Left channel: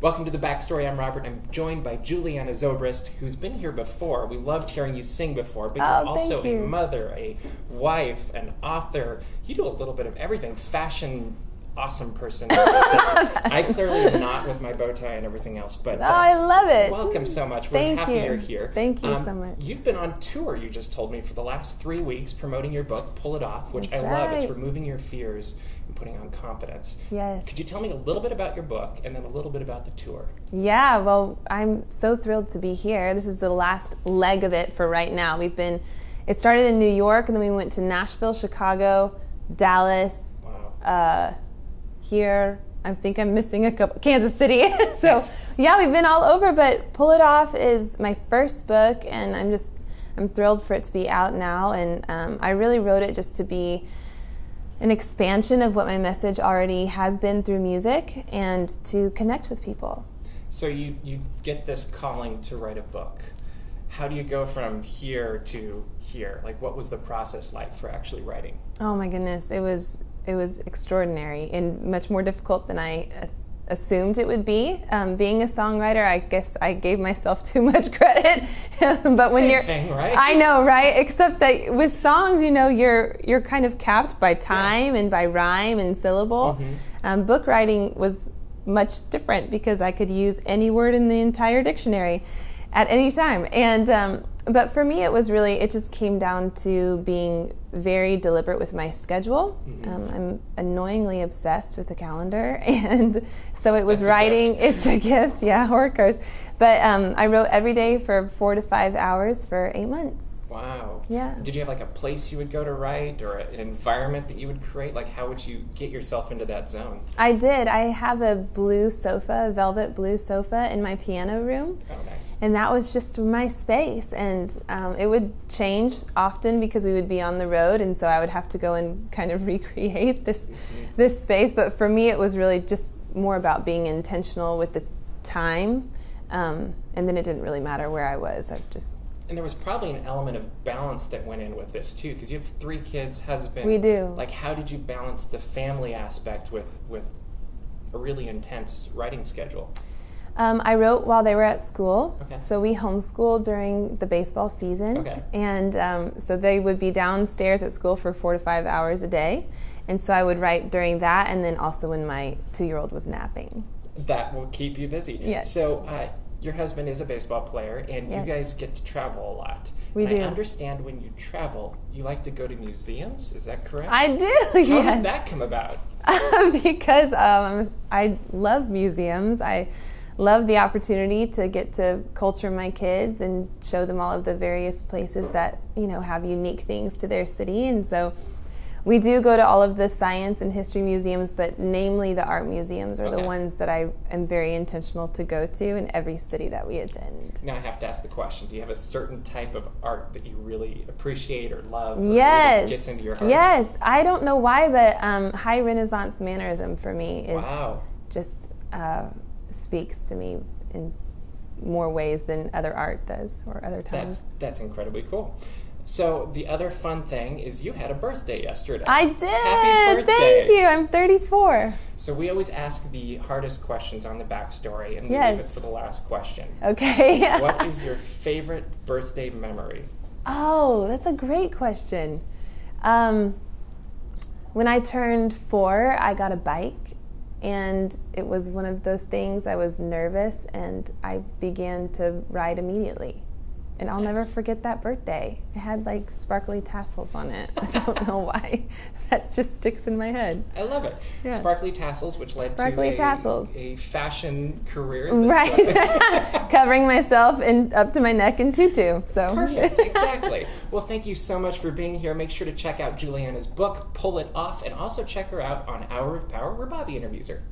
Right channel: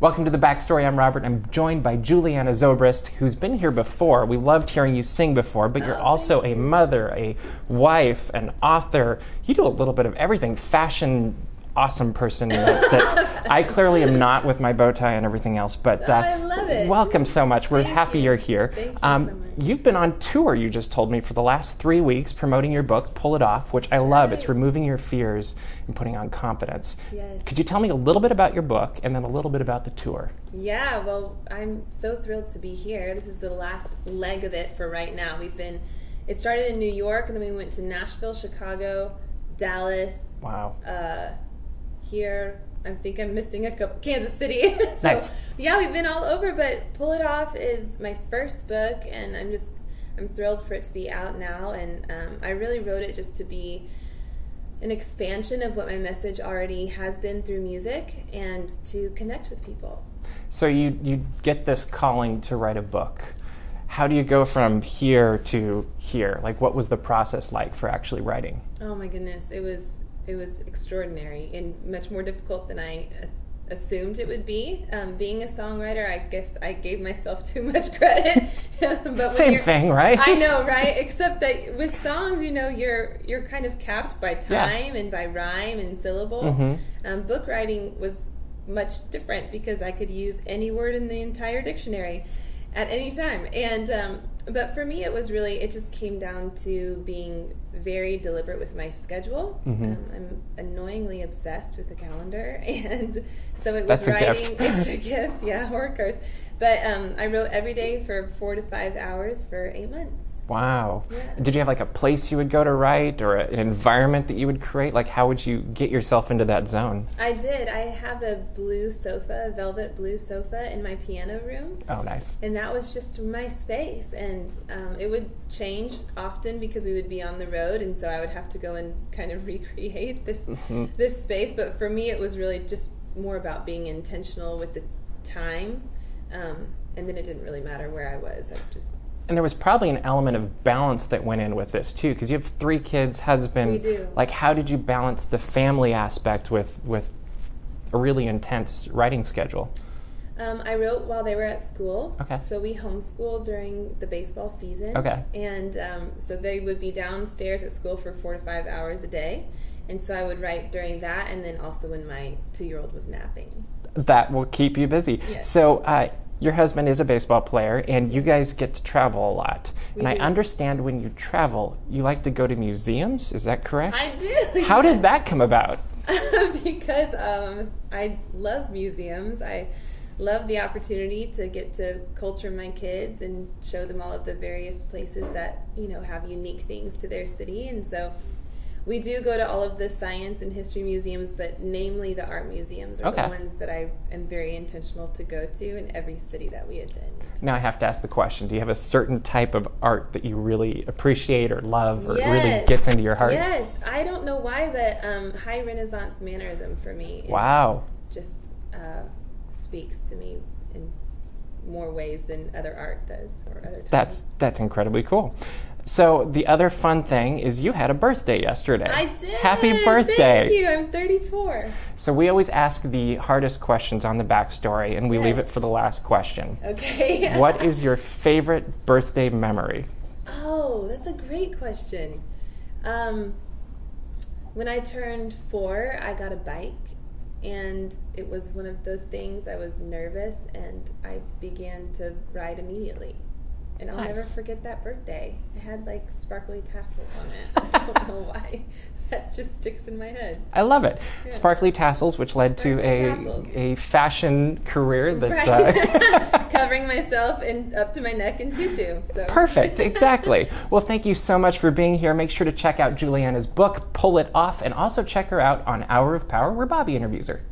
Welcome to The Backstory. I'm Robert. I'm joined by Julianna Zobrist, who's been here before. We loved hearing you sing before, but you're also a mother, a wife, an author. You do a little bit of everything. Fashion, awesome person that I clearly am not with my bow tie and everything else. But I love it. Welcome so much. We're happy you're here. Thank you so much. You've been on tour, you just told me, for the last 3 weeks promoting your book, Pull It Off, which I love. It's removing your fears and putting on confidence. Yes. Could you tell me a little bit about your book and then a little bit about the tour? Yeah, well, I'm so thrilled to be here. This is the last leg of it for right now. It started in New York, and then we went to Nashville, Chicago, Dallas. Wow. Here, I think I'm missing a couple, Kansas City. So nice. Yeah, we've been all over, but Pull It Off is my first book, and I'm thrilled for it to be out now. And I really wrote it just to be an expansion of what my message already has been through music and to connect with people. So you get this calling to write a book. How do you go from here to here? Like, what was the process like for actually writing? Oh my goodness, it was extraordinary and much more difficult than I assumed it would be. Being a songwriter, I guess I gave myself too much credit. But when Same thing, right? I know, right? Except that with songs, you're kind of capped by time and by rhyme and syllable. Mm-hmm. Book writing was much different because I could use any word in the entire dictionary at any time. And but for me, it just came down to being very deliberate with my schedule. Mm-hmm. I'm annoyingly obsessed with the calendar, and so it was That's writing. It's a gift, yeah, or a curse. But I wrote every day for 4 to 5 hours for 8 months. Wow. Yeah. Did you have like a place you would go to write or an environment that you would create? Like, how would you get yourself into that zone? I did. I have a blue sofa, a velvet blue sofa in my piano room. Oh, nice. And that was just my space. And it would change often because we would be on the road, and so I would have to go and kind of recreate this space. But for me, it was really just more about being intentional with the time. And then it didn't really matter where I was. And there was probably an element of balance that went in with this too, because you have 3 kids, husband. We do. Like, how did you balance the family aspect with a really intense writing schedule? I wrote while they were at school. Okay. So we homeschooled during the baseball season. Okay. And so they would be downstairs at school for 4 to 5 hours a day. And so I would write during that, and then also when my 2-year-old was napping. That will keep you busy. Yes. So your husband is a baseball player, and you guys get to travel a lot. We do. I understand when you travel, you like to go to museums. Is that correct? I do. How did that come about? Because I love museums. I love the opportunity to get to culture my kids and show them all of the various places that have unique things to their city. And so we do go to all of the science and history museums, but namely the art museums are the ones that I am very intentional to go to in every city that we attend. Now I have to ask the question, do you have a certain type of art that you really appreciate or love or Yes. really gets into your heart? Yes. I don't know why, but high Renaissance mannerism for me just speaks to me in more ways than other art does or other times. That's incredibly cool. So the other fun thing is you had a birthday yesterday. I did. Happy birthday. Thank you. I'm 34. So we always ask the hardest questions on the backstory, and we leave it for the last question. Okay. What is your favorite birthday memory? Oh, that's a great question. When I turned 4, I got a bike, and it was one of those things. I was nervous, and I began to ride immediately. And I'll never forget that birthday. It had like sparkly tassels on it. I don't know why. That just sticks in my head. I love it. Yes. Sparkly tassels, which led to a fashion career. That, Covering myself up to my neck in tutu. So perfect, exactly. Well, thank you so much for being here. Make sure to check out Julianna's book, Pull It Off, and also check her out on Hour of Power, where Bobby interviews her.